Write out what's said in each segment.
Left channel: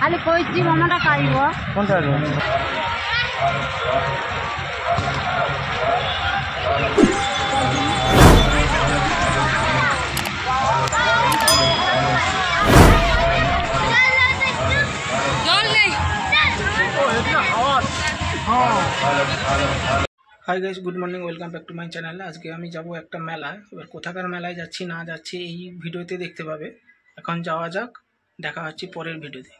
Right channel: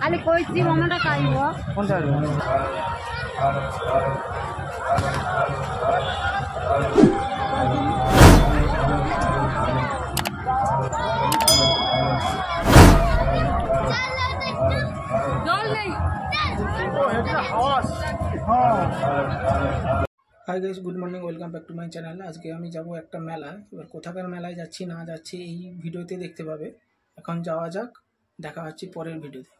খালি কইছি মনটা খাইব কোনটা hi guys good morning welcome back to my channel. आज के आमी जाबो एक मेला एबार कोथाकार मेलाय जाচ্ছি ना जाচ্ছি এই ভিডিওতে দেখতে পাবে। এখন যাওয়া যাক, দেখা হচ্ছে পরের ভিডিওতে।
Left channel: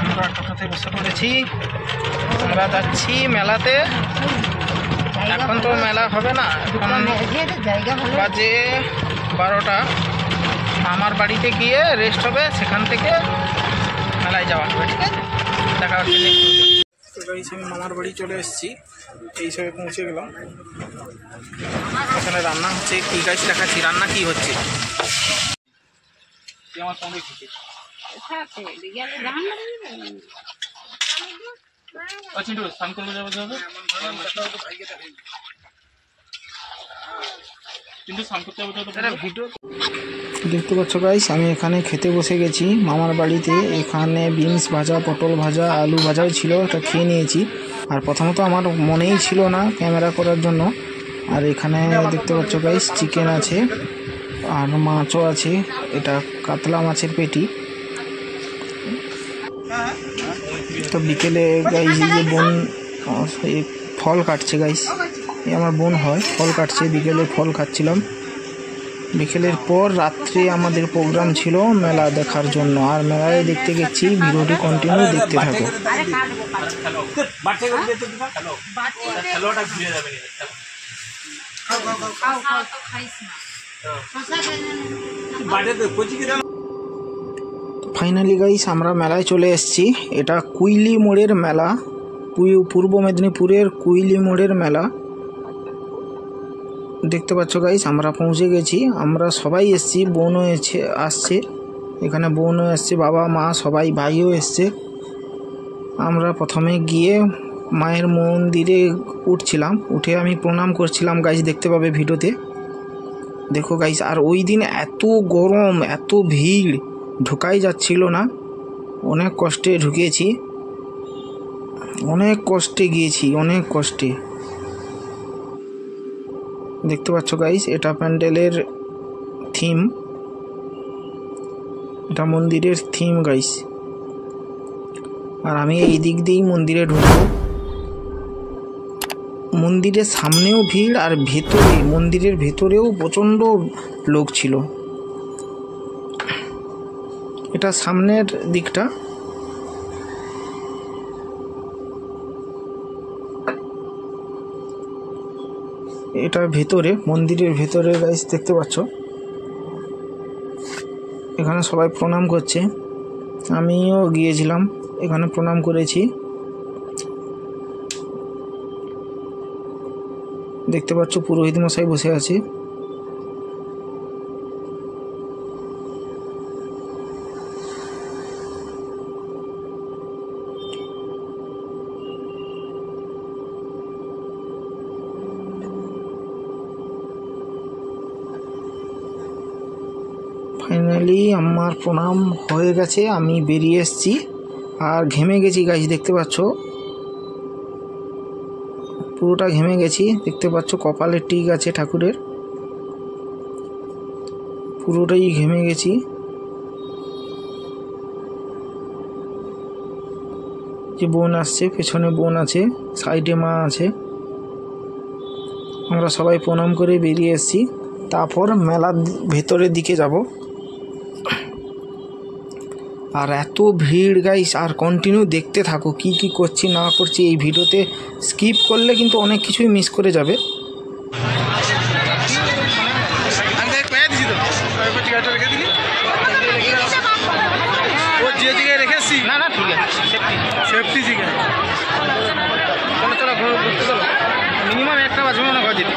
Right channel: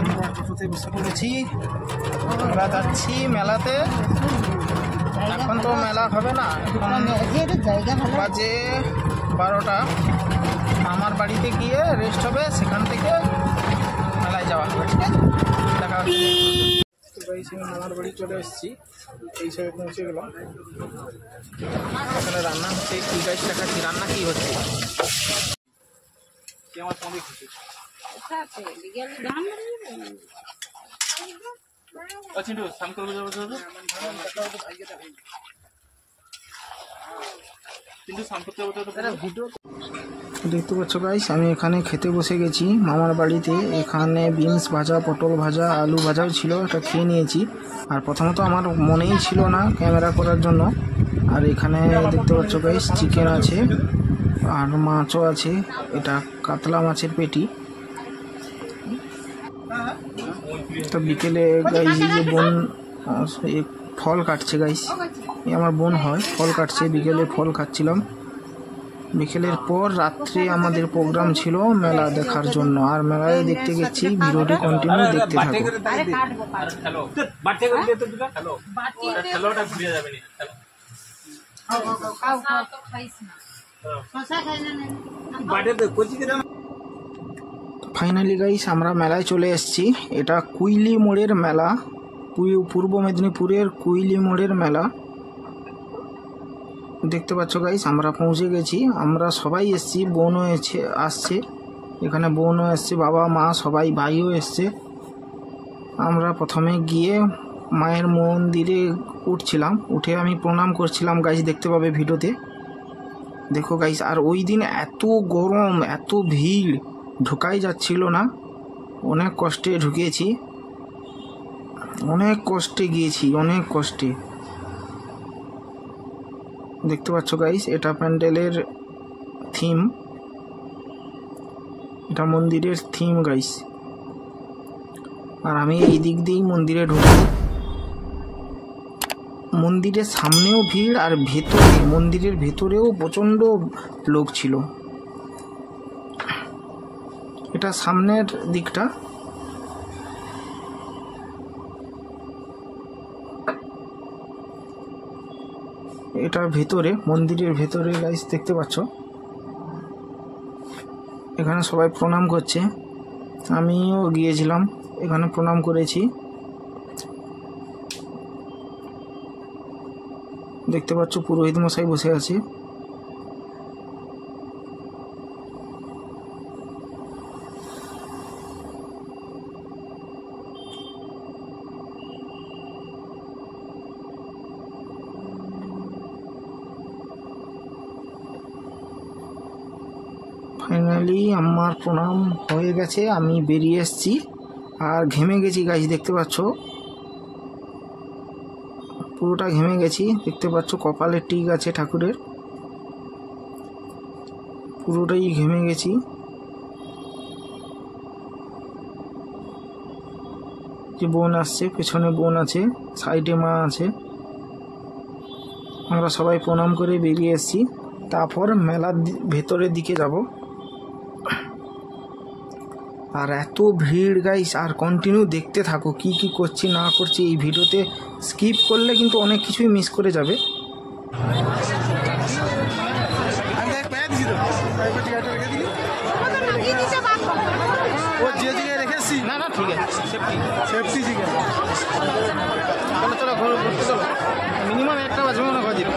আমরা টোটোতে বসে পড়েছি, আমরা যাচ্ছি মেলাতে। এখন তো মেলা হবে না, এখন বাজে 12টা। মামার বাড়িতে গিয়ে রেস্ট হবে, সেখান থেকে মেলায় যাওয়া হবে। ঠিক আছে, দেখা হচ্ছে নেক্সট। তো গাইস আমি মামার বাড়ি চলে এসেছি, এই সবে পৌঁছে গেলাম। এখানে রান্না হচ্ছে, কি গাইস দেখাচ্ছি রান্না কি হচ্ছে। আমার সঙ্গে খুশি দেখতে পাচ্ছ গাইস, আমি এখানে খেতে বসে গেছি মামার বাড়িতে। এখানে বিনস ভাজা, পটল ভাজা, আলু ভাজাও ছিল, এটা খেয়ে নিয়েছি। আর প্রথমত আমার মনেই ছিল না ক্যামেরা করার জন্য। আর এখানে দেখতে পাচ্ছ গাইস চিকেন আছে আর মাছও আছে, এটা কাতলা মাছের পেটি। তো বিকেলে গাইস এই যে বোন ফল কাটছে গাইস, এই আমার বোন হয়, ফল কাটছে। বিকেলে ফল খাচ্ছিলাম। বিকেলের পর রাত্রে আমাদের প্রোগ্রাম ছিল মেলা দেখার জন্য, আর মেলায় দেখতে গেছি। ভিডিওটি কন্টিনিউ দেখতে থাকো। ফাইনালি গাইস আমরা মেলায় চলে এসেছি। এটা কুইলি মোড়ের মেলা, পূর্ব মেদিনীপুরের কুইলি মোড়ের মেলা। দেখতে পাচ্ছ গাইস আমরা পৌঁছে গেছি। আমরা সবাই এসেছি, বোনও আসছে, এখানে বোনও এসছে, বাবা মা সবাই, ভাইও এসছে। আমরা প্রথমে গিয়ে মায়ের মন্দিরে উঠছিলাম, উঠে আমি প্রণাম করছিলাম গাইস, দেখতে পাবে ভিডিওতে। দেখো গাইস, আর ওই দিন এত গরম, এত ভিড়, ঢোকাই যাচ্ছিল না। অনেক কষ্টে ঢুকেছি, অনেক কষ্টে গিয়েছি, অনেক কষ্টে। দেখতে পাচ্ছ গাইস এটা প্যান্ডেলের থিম, এটা মন্দিরের থিম গাইস। আর আমি এই দিক দিয়েই মন্দিরে ঢুকবো। মন্দিরের সামনেও ভিড়, আর ভেতরে মন্দিরের ভেতরেও প্রচণ্ড লোক ছিল। এটা সামনের দিকটা। এটা ভেতরে, মন্দিরের ভেতরে গাইস দেখতে পাচ্ছ। এখানে সবাই প্রণাম করছে, আমিও গিয়েছিলাম, এখানে প্রণাম করেছি। দেখতে পাচ্ছ পুরোহিত মশাই বসে আছে। ফাইনালি আমার প্রণাম হয়ে গেছে, আমি বেরিয়ে এসেছি। আর ঘেমে গেছি গাইস, দেখতে পাচ্ছ পুরোটা ঘেমে গেছি। দেখতে পাচ্ছ কপালে টিক আছে ঠাকুরের, পুরোটাই ঘেমে গেছি। যে বোন আসছে, পেছনে বোন আছে, সাইডে মা আছে। আমরা সবাই প্রণাম করে বেরিয়ে এসেছি। তারপর মেলার ভেতরের দিকে যাব। আর এত ভিড় গাইস, আর কন্টিনিউ দেখতে থাকো কি কি করছি না করছি। এই ভিডিওতে স্কিপ করলে কিন্তু অনেক কিছুই মিস করে যাবে। না না ঠিক আছে, সেফটি ঠিক আছে। চলো চলো ঘুরতে চলো, মিনিমাম একটা বাজবে মনে ঘর যেতে।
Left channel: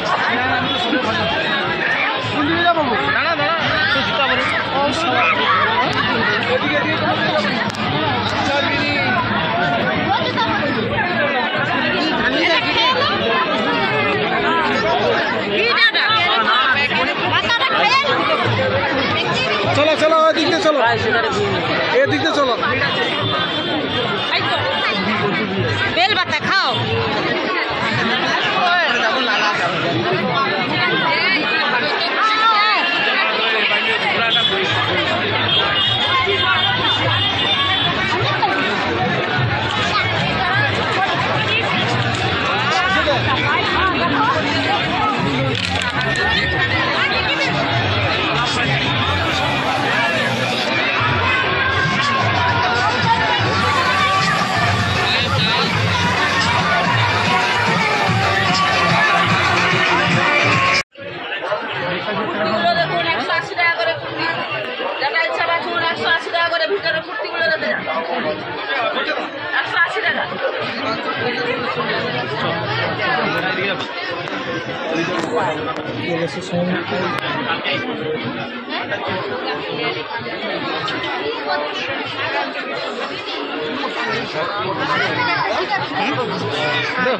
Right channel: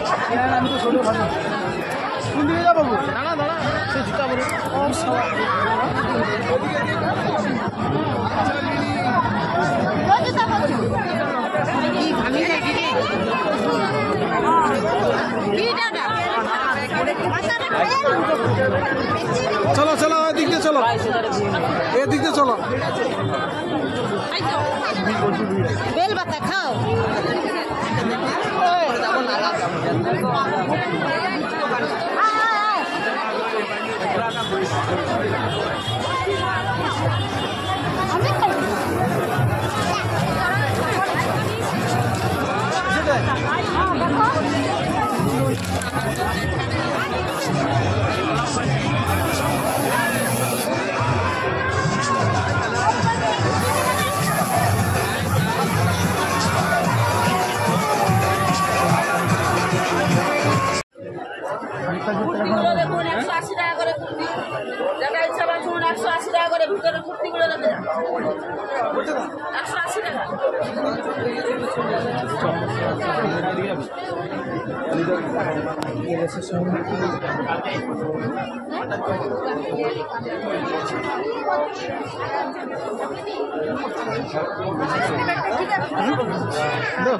দাঁড়া দাঁড়া, জুতা বলে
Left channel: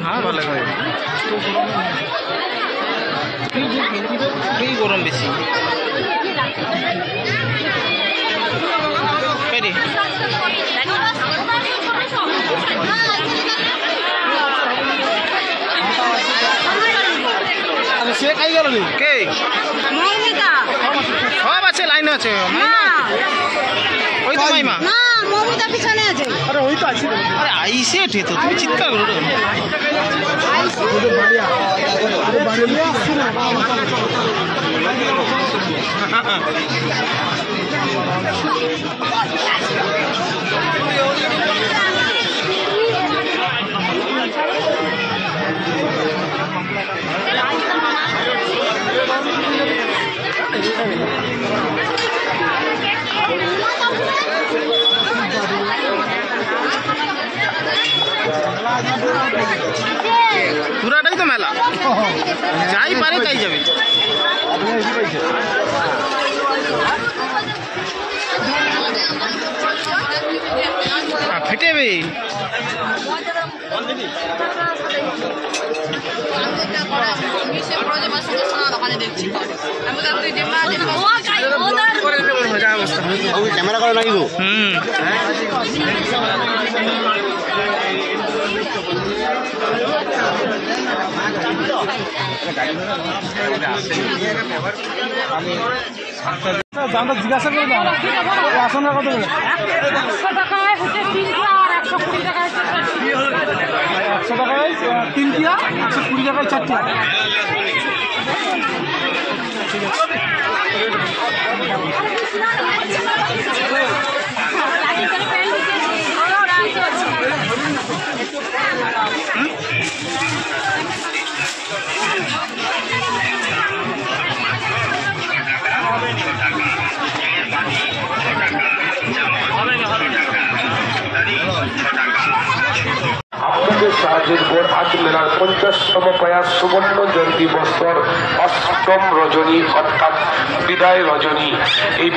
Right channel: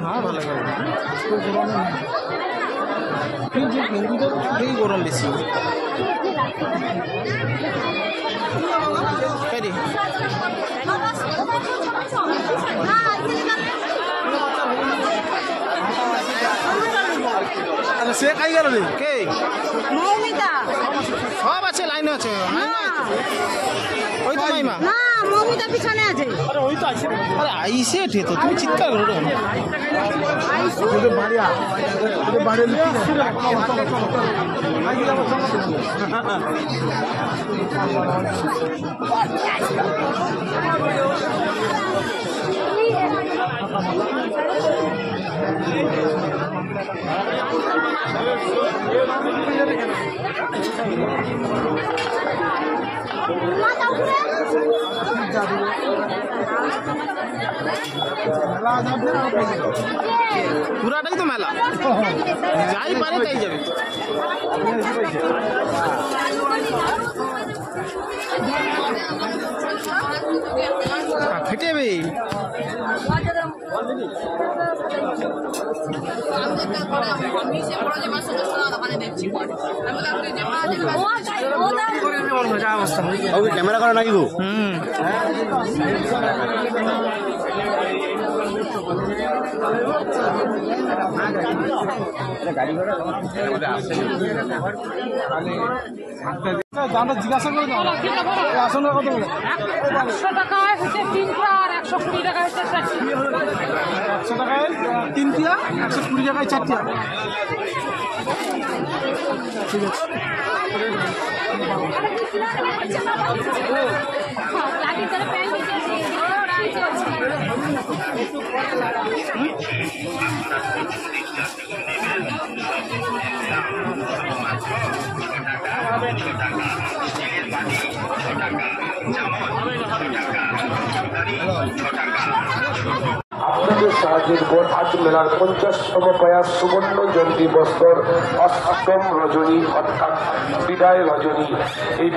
হ্যাঁ ভালো লাগে এই গরম বেশি সে খাই গেল কে সব আছে লাইনে আছে ওই তো মাইমা না মমিতা পিছনে আছে আরে আইসে ঠে তো তুমি চিৎকার করো পুরাটাই তো মেলা যাই পারে তাই যাবে ফেটে যাবে ক্যামেরা করে নাই গো জিজ্ঞাসা করি আসন কত 100 টাকায় হচ্ছে 3টা আর 120 টাকায় 4টা 100 টাকায় 3টা 120 টাকায় 4টা ঠিক আছে আপনাদের সাহায্যের পর আজ মেলার 50তম প্রয়াস সুবর্ণ জয়ন্তী বছর 8ম রজনী অর্থাৎ বিদায় রজনী। এই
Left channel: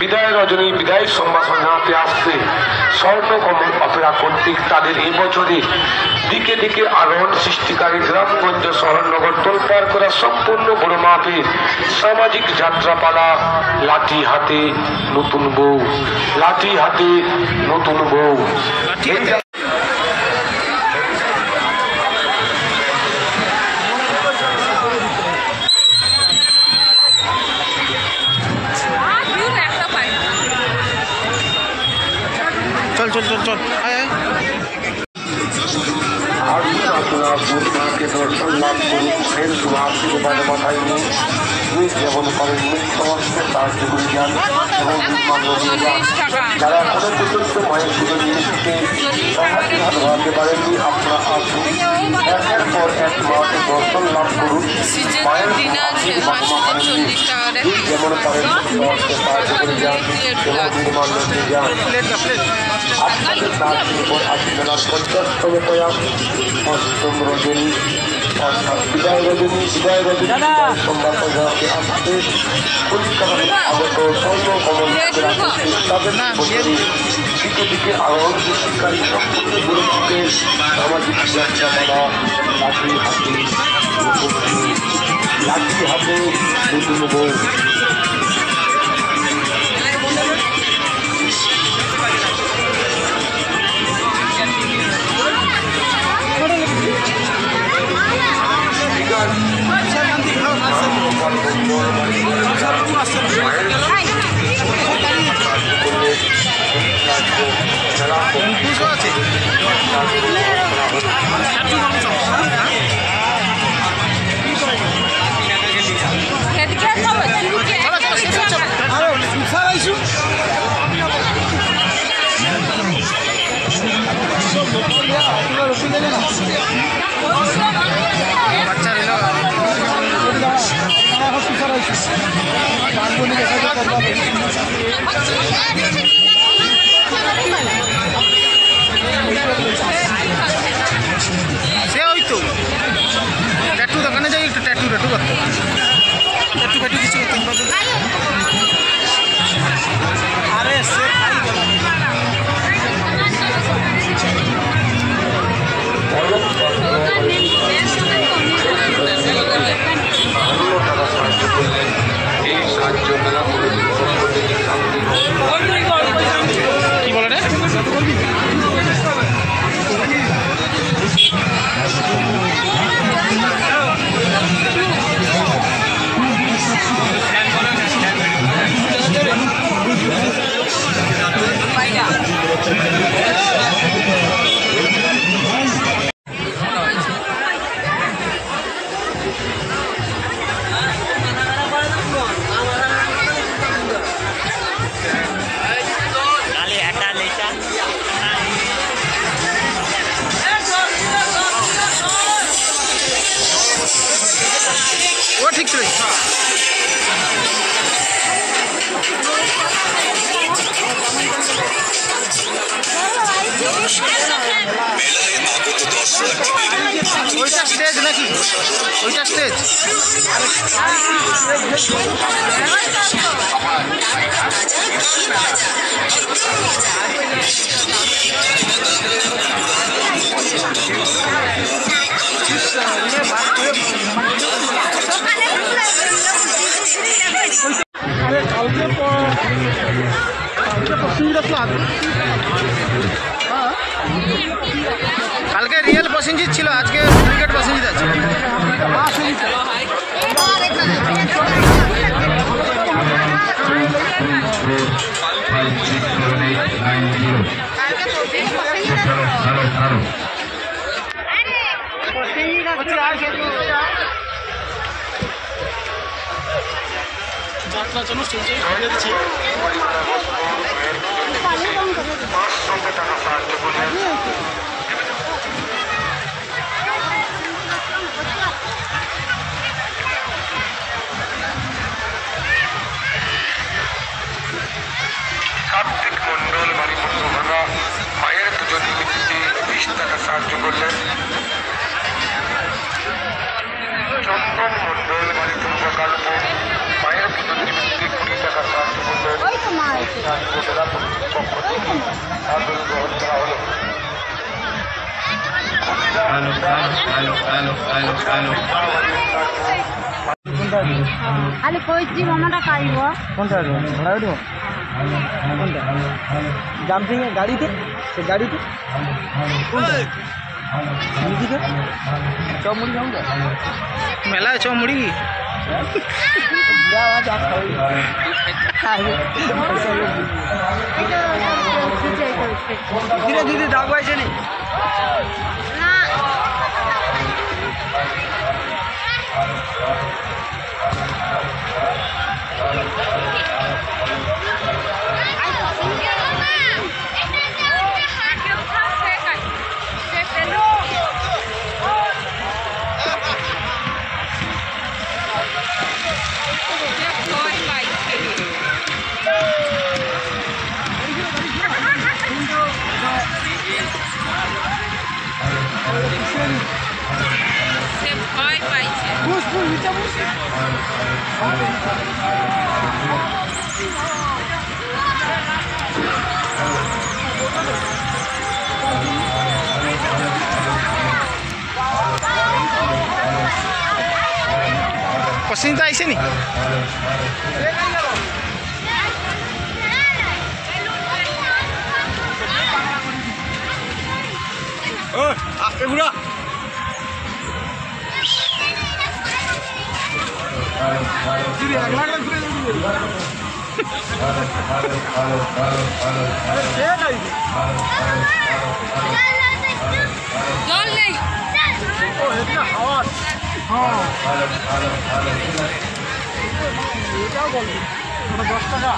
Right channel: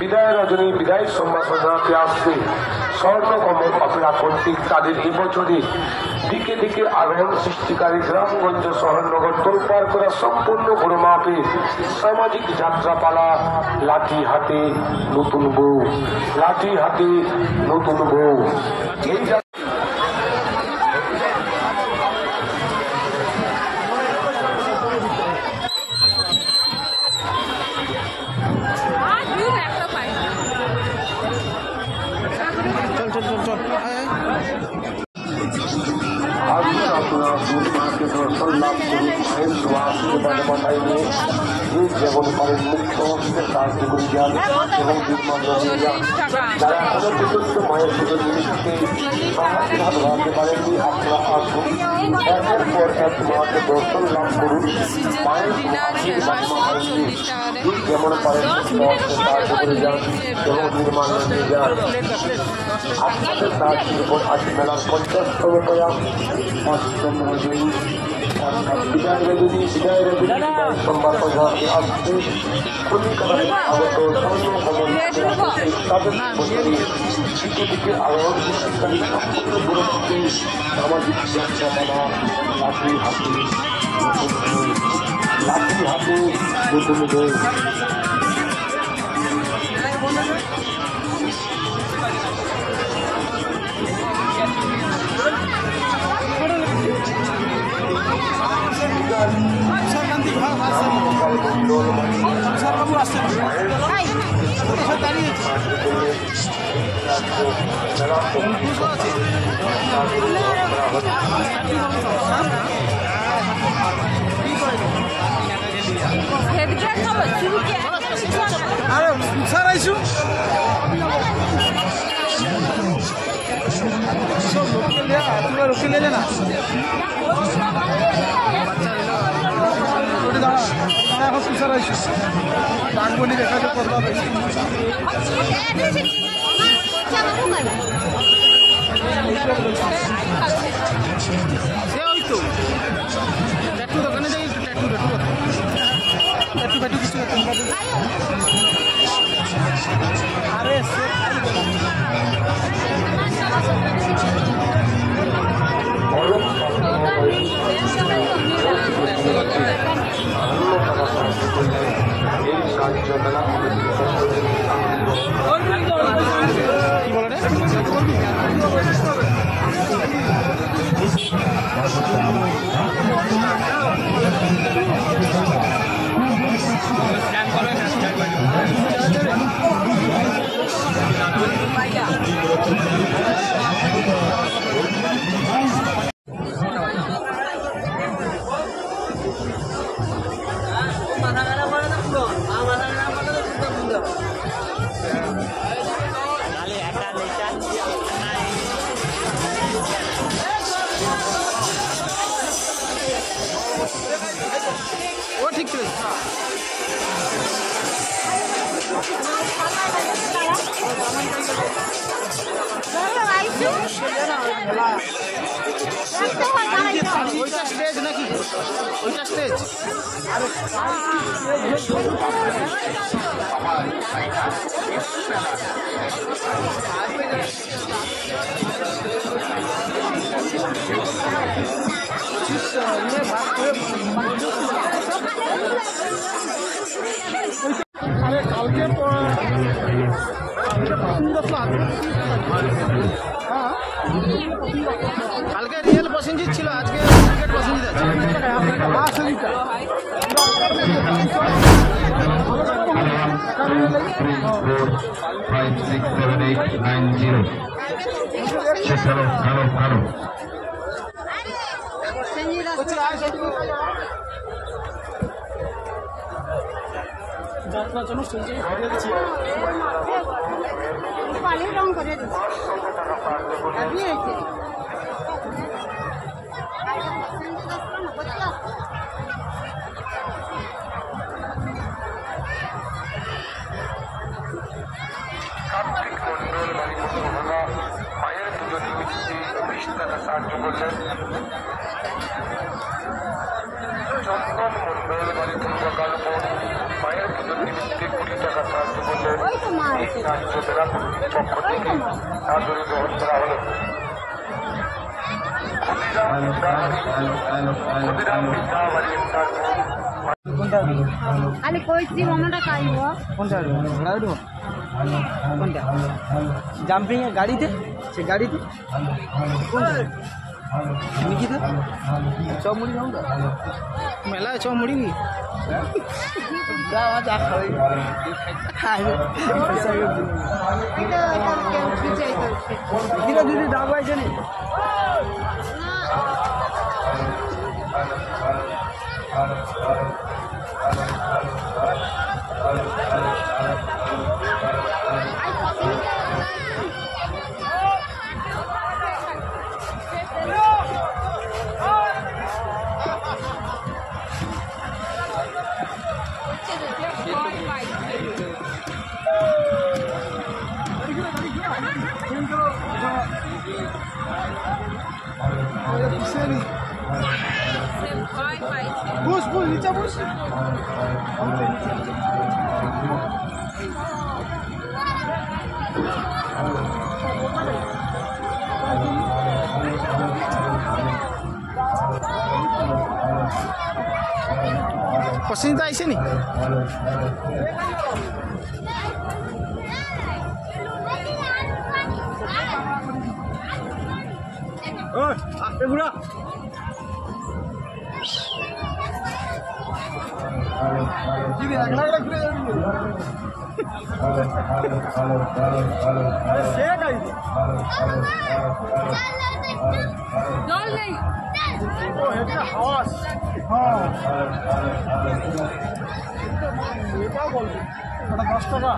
বিদায় রজনী বিদায় সম্ভাষণ জানাতে আসছে স্বর্ণকমল অপেরা কর্তৃক তাদের এই বছরে দিকে দিকে আরোহণ সৃষ্টিকারী গ্রামগঞ্জ শহরনগর তোলপাড় করা সম্পূর্ণ বড় মাপে সামাজিক যাত্রাপালা লাঠি হাতে নতুন বউ, লাঠি হাতে নতুন বউ। চল চল চল চল আসুন আপনারা বুধ মাকে দর্শন লাভ করুন, মায়ের সুআশীর্বাদ মাথায় নিয়ে যেমন পারেন সমস্ত সাহায্য করে যান এবং যারা এখনো পর্যন্ত মায়ের পুজো জিনিসকে সমাজের হাত বাড়াতে পারেননি আপনারা আসুন, একের পর এক মাকে দর্শন লাভ করুন, মায়ের যেমন পারেন সাহায্য করে যান এবং নির্মাণ নিয়ে যান। আপনাদের সাহায্যের উপর আজ মেলার 50তম প্রয়াস 8ম রজনী অর্থাৎ বিদায় রজনী সম্ভাব্য ঘরকে আসছে পরিকারের আগত স্বর্ণকমল তাদের দিকে দিকে আরো সৃষ্টিকারী সম্পূর্ণ গুরুত্বে সামাজিক যাত্রাপালা লাঠি হাতে নতুন বউ। আছে বাচ্চা রইল এখন পিছার আইসু ডাকবনি দেখাতে করবা সে ওই তো ট্যাটু দোকানে যাই একটু ট্যাটু টাকা সাহায্য করলেন। এই সাহায্য মেলা কি বলে রে? ও ঠিক ছিল। ওইটা স্টেজ নাকি? ওইটা স্টেজ? কালকে রিয়েল প্রসেনজিৎ ছিল, আজকে ডুপ্লিকেট প্রসেনজিৎ আছে। কার্তিক মন্ডল বাড়ি ভাঙা মায়ের পুজোর নিমিত্তে 20 টাকা সাহায্য করলেন। চন্দন মন্ডল বাড়ি প্রকল্প মায়ের পুজোর নিমিত্তে 20 টাকা সাহায্য করলেন। এই সাহায্য মেলা কমিটির পক্ষ থেকে সাদরে গ্রহণ করা হলো। খালি কইছি মনটা কাইব কোনটা ভাড়া দেবো কোনটা জাম্পিং এর গাড়িতে সে গাড়িতে কোনটা চপ মুড়ি খাওয়া মেলায় চ মুড়ি ধীরে ধীরে দাগ পাইছে নি বুঝ বুঝ নিচে বুঝ প্রসেনজিৎ আইসে নি? বুড়া জল নেই এটাও বলবো 10 টাকা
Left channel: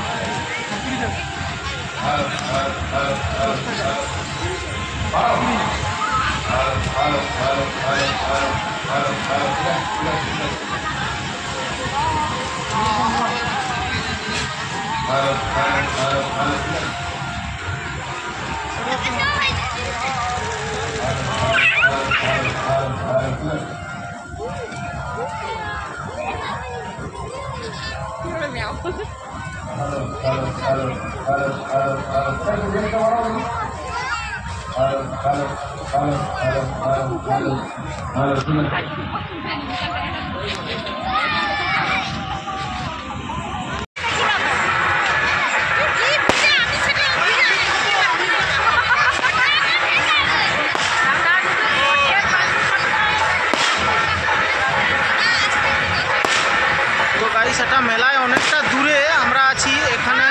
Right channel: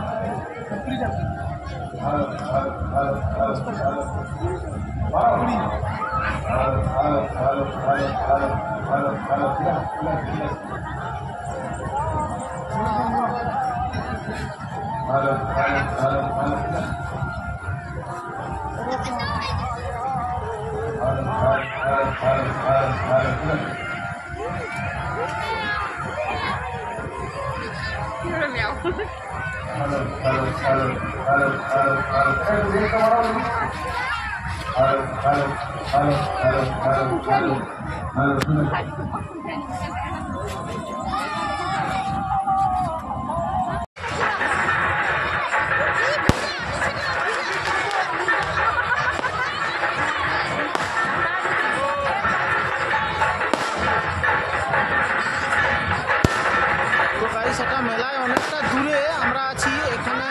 তো গাইস এটা মেলায় অনেকটা দূরে আমরা আছি, এখানে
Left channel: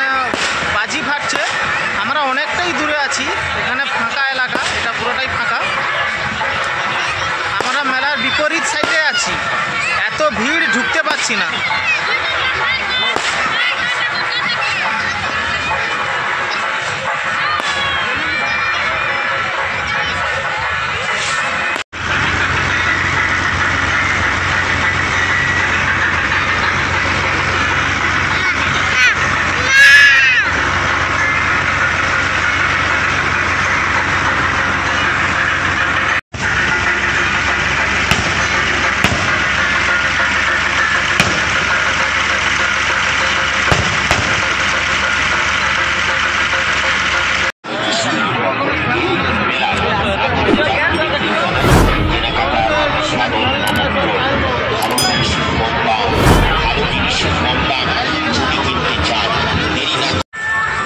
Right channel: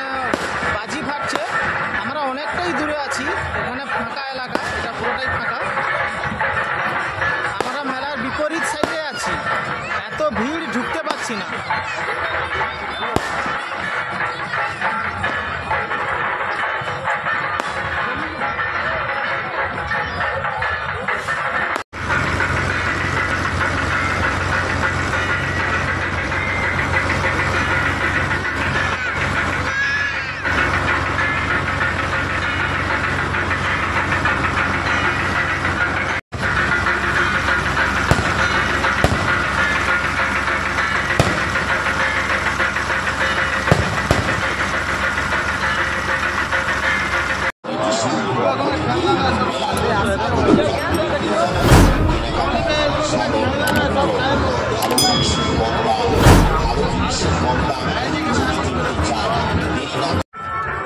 বাজি ফাটছে, আমরা অনেকটাই দূরে আছি, এখানে ফাঁকা এলাকা, এটা পুরোটাই ফাঁকা। আমরা মেলার বিপরীত সাইডে আছি, এত ভিড় ঢুকতে পারছি না।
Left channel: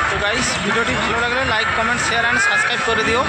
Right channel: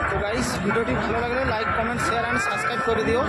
তো গাইস ভিডিওটি ভালো লাগলে like comment share and subscribe করে দিও।